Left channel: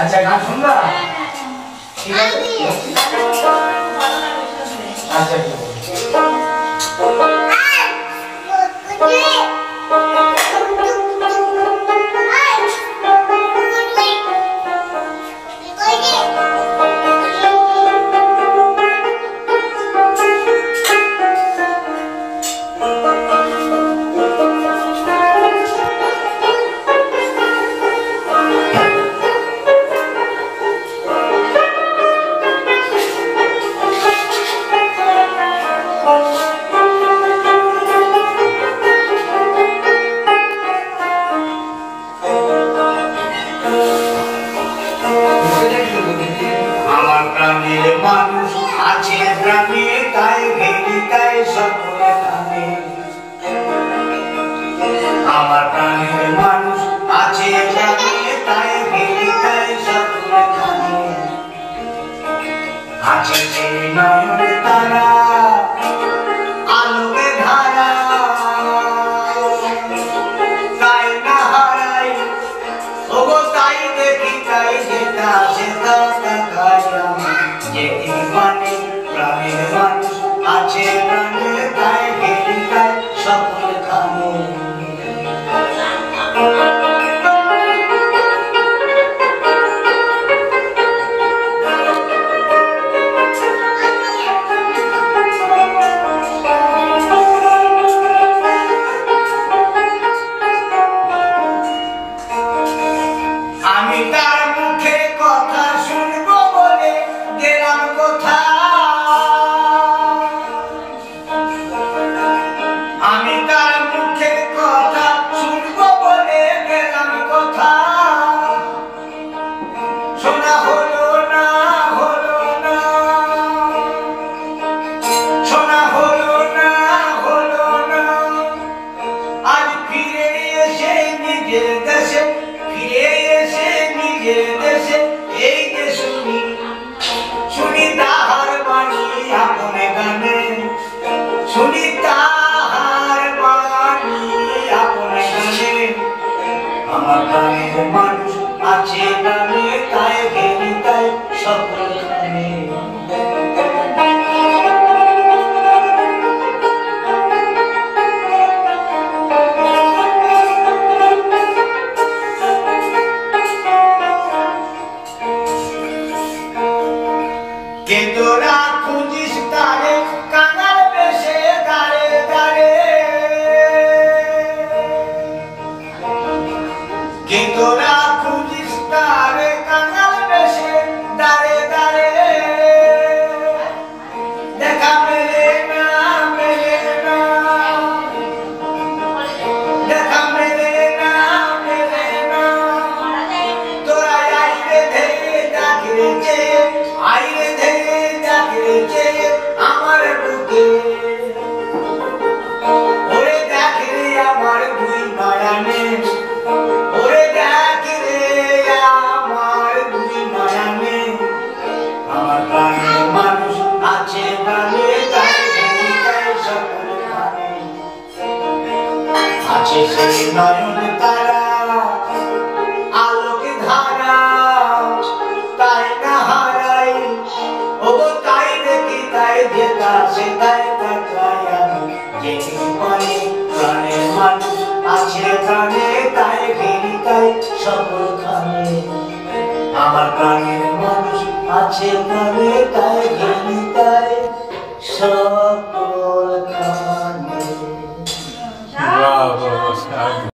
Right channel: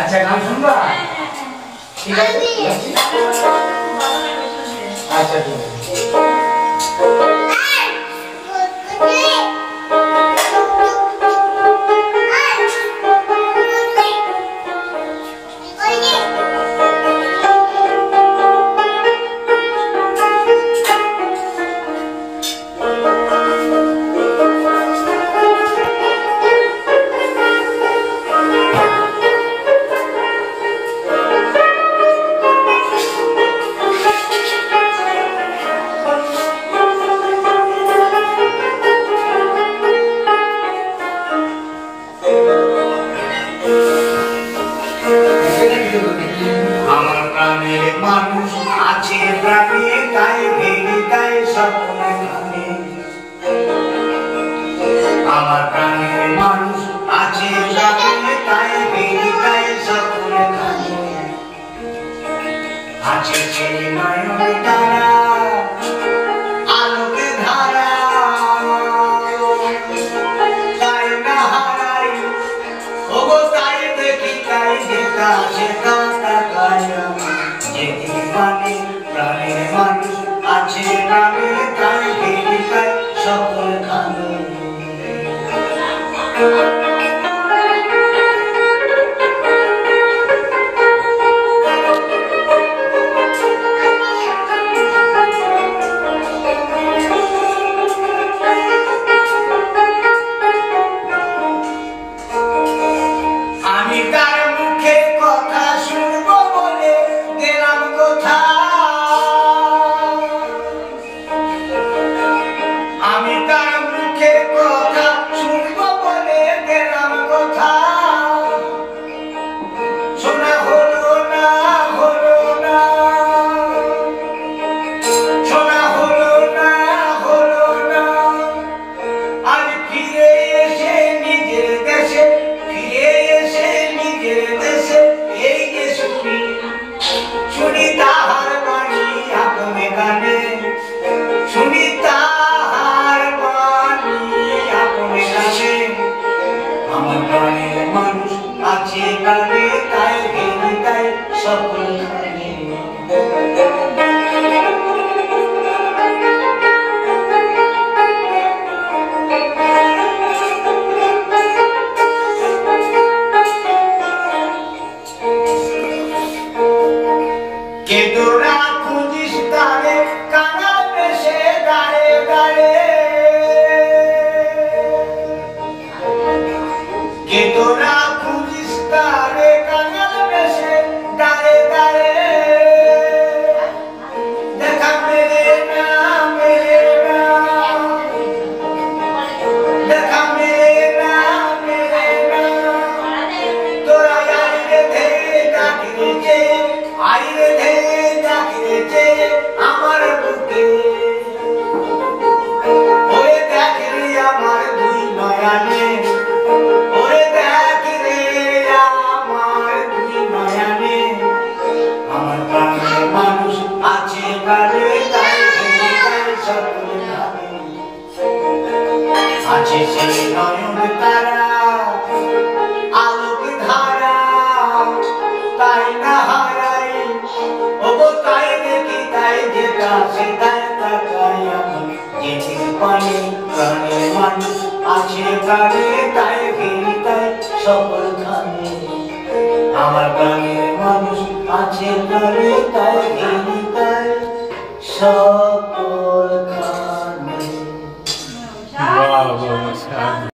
अच्छा गान सुनबा ठीक আছে अच्छा ठीक আমার প্রাণের মানুষ আছে প্রাণে তাই ভেরি তাই সকল খানে আমার প্রাণের মানুষ আছে প্রাণে তাই ভেরি তাই সকল খানে আছে সেই নয়ন তারা আলোকে ধারা তাই না হারাই ওগো তাই দেখি তাই যেটা সেটা প্রাণের মানুষ আছে প্রাণে তাই ঘেরি তাই সকল খানে আমি তার মুখে কথা শুনবো বলে গেলাম কোথা আমি তার মুখে কথা শুনবো বলে গেলাম কোথা শোনা হলো না হলো না শোনা হলো না হলো না আজ ফিরে এসে নিজের দেশে ফিরে এসে নিজের দেশে এই যে শুনি শুনি তাহার বাণী আপনে গানে শুনি তাহার বাণী আপনে গানে আমার প্রাণের মানুষ আছে প্রাণে তাই ঘেরি তাই সকল খানে কে তোরা খুঁজিস তারে কাঙাল বেশে দাঁড়ে দাঁড়ে কে তোরা খুঁজিস তারে কাঙাল বেশে দাঁড়ে দাঁড়ে দেখা মেলে না মেলে না দেখা মেলে না মেলে না তোরা আইরে ধেয়ে ডাকিরে চেয়ে আইরে ধেয়ে ডাকিরে চেয়ে আমার বুকে ওরে দেখরে আমার দুই নয়নে ওরে দেখরে আমার দুই নয়নে আমার প্রাণের মানুষ আছে প্রাণে তাই ঘেরি তাই সকল খানে আছে সেই নয়ন তারা আলোকে ধারা তাই না হারাই ওগো তাই দেখি তাই যেটা সেটাই তাকাই আমি যেটি পানি প্রাণের মানুষ আছে প্রাণে তাই ঘেরি তাই সকল খানে আমার প্রাণের মানুষ আছে প্রাণে তাই ঘেরি তাই সকল খানে।